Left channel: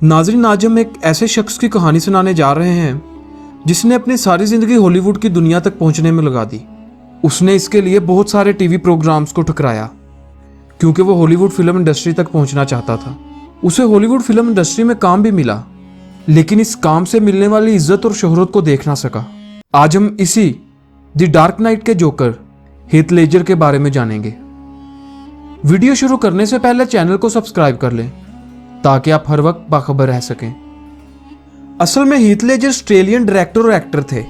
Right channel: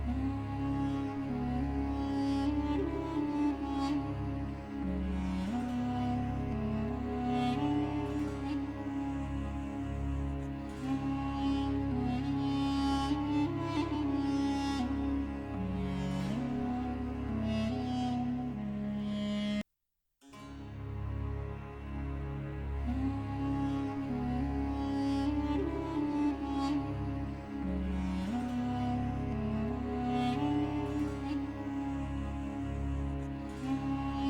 नाज़रीन, आज हम एक ऐसे शख्स की कहानी सुनाने जा रहे हैं जिसने अपनी सारी ज़िंदगी हॉलीवुड की दुनिया तक पहुंचने में लगा दी। उसने इसके लिए बहुत सारे टीवी प्रोग्राम्स को ठुकराया क्योंकि वो हॉलीवुड फिल्म इंडस्ट्री तक पहुंचना चाहता था। उसे हॉलीवुड फिल्म इंडस्ट्री में काम भी मिला, लेकिन इस काम से मिलने वाली इज्जत और शोहरत को देख ना सका। आज हम इसी द डार्क नाइट के जोकर हीथ लेजर के बारे में जानेंगे। वीडियो शुरू करने से पहले चैनल को सब्सक्राइब कर लें ताकि आप हर वक्त बाखबर रह सकें। असल में हीथ लेजर ऑस्ट्रेलियन डायरेक्टर और एक्टर थे।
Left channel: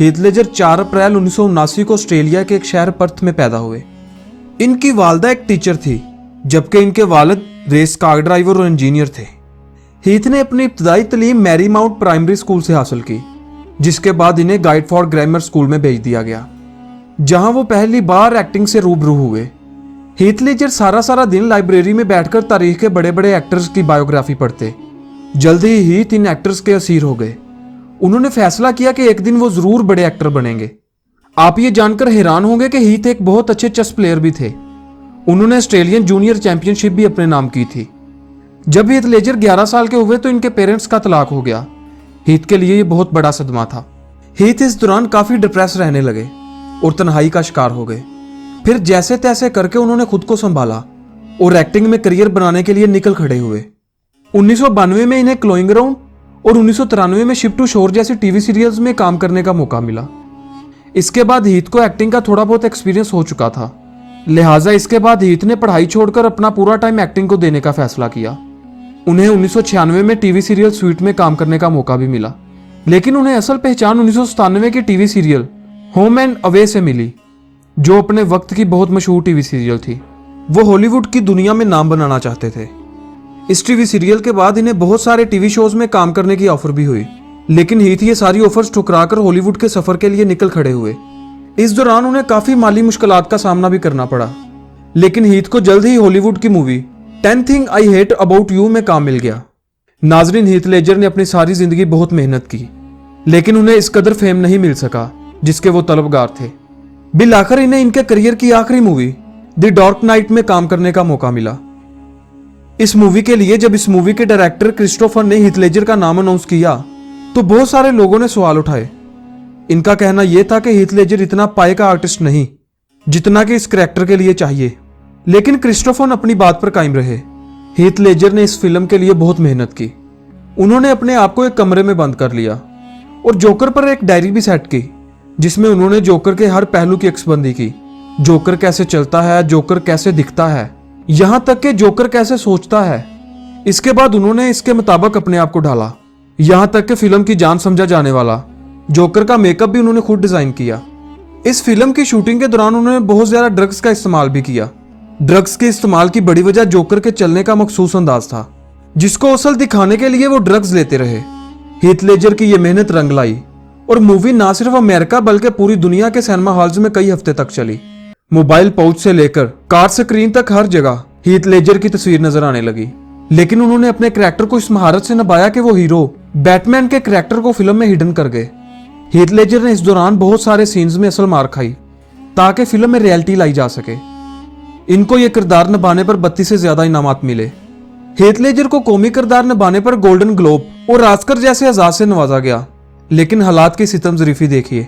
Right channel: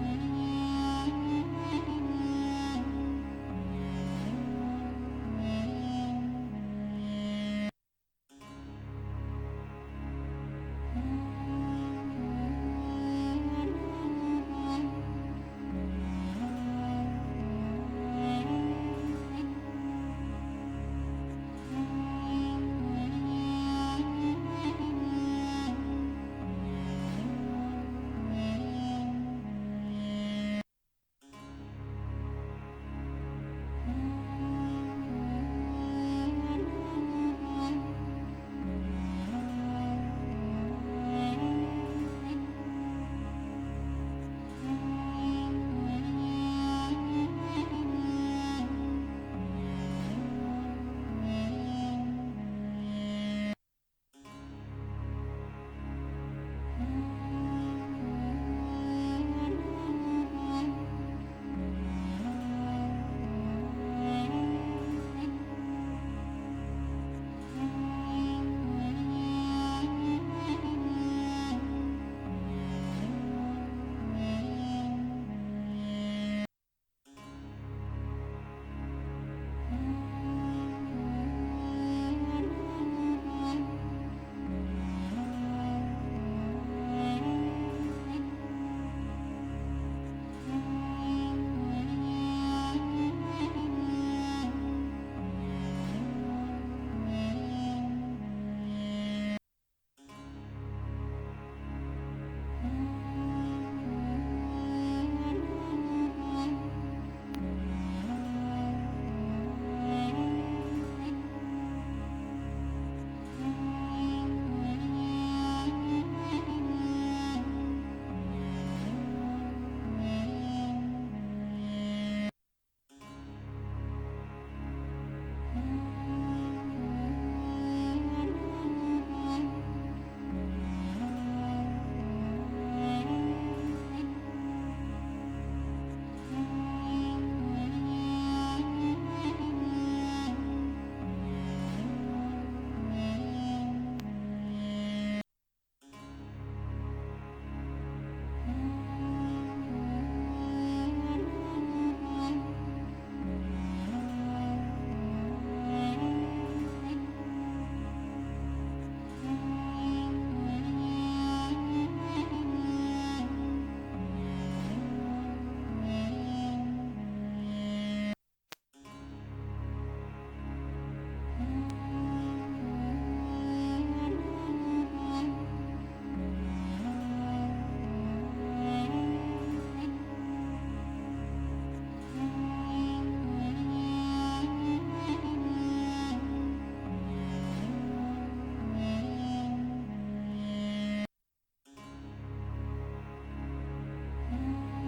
हीथ लेजर 4 अप्रैल 1979 को ऑस्ट्रेलिया के एक शहर पर्थ में पैदा हुए। इनकी वालदा एक टीचर थी, जबकि इनके वालिद रेस कार ड्राइवर और इंजीनियर थे। हीथ ने अपनी इब्तदाई तालीम मैरी माउंट प्राइमरी स्कूल से हासिल की, जिसके बाद इन्हें गाइडफोर्ड ग्रामर स्कूल में भेज दिया गया, जहां वो पहली बार एक्टिंग से रूबरू हुए। हीथ लेजर सारा दिन लाइब्रेरी में बैठकर तारीख के बड़े बड़े एक्टर्स की बायोग्राफी पढ़ते। जल्द ही हीथ इन एक्टर्स के असीर हो गए। उन्होंने फैसला किया कि एक दिन वो जरूर बड़े एक्टर बनेंगे। आप ये जानकर हैरान होंगे कि हीथ एक बहुत अच्छे चेस प्लेयर भी थे। उन्होंने ऑस्ट्रेलियन जूनियर चैंपियनशिप भी अपने नाम की थी। जब हीथ लेजर 11 साल के हुए तो इनके पेरेंट्स का तलाक हो गया। हीथ के लिए ये बहुत बड़ा सदमा था। हीथ इस दौरान काफी डिप्रेस रहने लगे और तन्हाई का शिकार हो गए। फिर जैसे तैसे करके उन्होंने खुद को संभाला और एक्टिंग में करियर बनाने के लिए निकल खड़े हुए। 1992 में इन्हें क्लोइंग अराउंड और 1993 में शिप टू शोर जैसी टीवी सीरियल्स में काम करने का मौका मिला। इसके बाद हीथ को एक्टिंग का थोड़ा बहुत एक्सपीरियंस हो चुका था, लिहाजा इसके बाद हीथ ने पढ़ाई छोड़कर अपना पूरा टाइम एक्टिंग को देने का फैसला किया। उन्हें 1996 में टीवी सीरियल स्वीट में काम करने का मौका भी मिला, लेकिन उन्हें असल पहचान 1997 के TV serial home and away से मिली, जो अपने वक्त की बहुत मशहूर टीवी सीरियल थी। वो हॉलीवुड की दुनिया में नाम बनाना चाहते थे। इस टीवी सीरियल के बाद इन्हें बहुत सारे टीवी शोज में काम करने की ऑफर भी हुई, लेकिन हीथ ये सारी ऑफर्स ठुकराकर हॉलीवुड के सफर के लिए निकल खड़े हुए। इस दौरान उन्हें काफी माली मुश्किलात का सामना भी करना पड़ा, लेकिन हीथ को जल्द ही हॉलीवुड की movie 10 thing I hate about you में काम मिल गया। नाजरीन, हीथ लेजर ने अपनी सारी जिंदगी बहुत मेहनत की, लेकिन उन्हें इस कदर फेम नहीं मिल सका जिसके वो तलबगार थे। बिल आखिर इन्हें इनके करियर की आखिरी मूवी द डार्क नाइट में काम करने का मौका मिला। इस मूवी के लिए जब इस मूवी के डायरेक्टर क्रिस्टोफर ने हीथ लेजर का नाम अनाउंस किया तो बहुत सारे लोगों ने सवाल उठाए। इनका कहना यह था कि हीथ लेजर इतना पाए का आर्टिस्ट नहीं जितना कि इस कैरेक्टर के लिए चाहिए, लेकिन क्रिस्टोफर अपनी बात पर कायम रहे। हीथ लेजर ने इस फिल्म के लिए बहुत मेहनत की। उन्होंने अपने आप को एक कमरे में बंद कर लिया और जोकर पर एक डायरी भी सेट की, जिसमें उन्होंने जोकर के हर पहलू की अक्सबंदी की। जोकर कैसे चलता है, जोकर कैसे दिखता है, यहां तक कि जोकर कैसे सोचता है। इसके बाद उन्होंने इसके मुताबिक अपने आप को ढाला, यहां तक कि फिल्म की जान समझा जाने वाला जोकर का मेकअप भी उन्होंने खुद डिजाइन किया। इस फिल्म की शूटिंग के दौरान उन्होंने बहुत ज्यादा ड्रग्स का इस्तेमाल भी किया। ड्रग्स के इस्तेमाल की बड़ी वजह जोकर के चलने का मखसूस अंदाज था, जिसको असल दिखाने के लिए वो ड्रग्स लेते रहे। हीथ लेजर की ये मेहनत रंग लाई और मूवी ना सिर्फ अमेरिका बल्कि पूरी दुनिया के सिनेमा हॉल्स में कई हफ्ते तक चली। मोबाइल पाउच से लेकर कार स्क्रीन तक हर जगह हीथ लेजर की तस्वीर नजर आने लगी, लेकिन उन्होंने अपने कैरेक्टर को इस महारत से निभाया कि वो हीरो बैटमैन के कैरेक्टर को फिल्म में हिडन कर गए। हीथ लेजर ने इस दौरान बहुत सारे सीन्स में असल मार खाई ताकि फिल्म में रियलिटी लाई जा सके। इनको ये किरदार निभाने पर 32 से ज्यादा इनामात मिले। हीथ लेजर को कॉमी किरदार निभाने पर गोल्डन ग्लोब और ऑस्कर जैसे एजाज से नवाजा गया, लेकिन हालात की सितम ज़रीफी देखिए।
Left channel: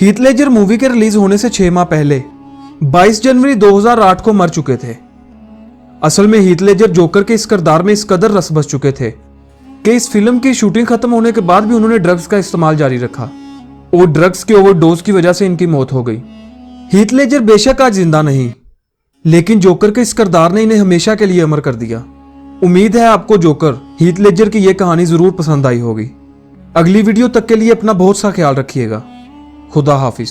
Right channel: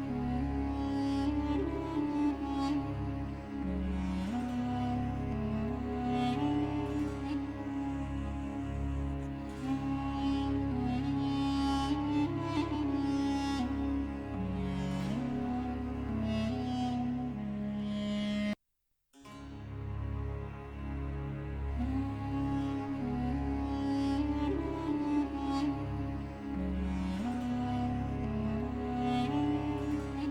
हीथ लेजर मूवी के रिलीज होने से 6 माह पहले 22 जनवरी 2008 को मर चुके थे। असल में हीथ लेजर जोकर के इस किरदार में इस कदर रस बस चुके थे कि इस फिल्म की शूटिंग खत्म होने के बाद भी उन्होंने ड्रग्स का इस्तेमाल जारी रखा और ड्रग्स की ओवरडोज की वजह से इनकी मौत हो गई। हीथ लेजर बेशक आज जिंदा नहीं, लेकिन जोकर के इस किरदार ने इन्हें हमेशा के लिए अमर कर दिया। उम्मीद है आपको जोकर हीथ लेजर की यह कहानी जरूर पसंद आई होगी। अगली वीडियो तक के लिए अपना बहुत सा ख्याल रखिएगा। खुदा हाफिज।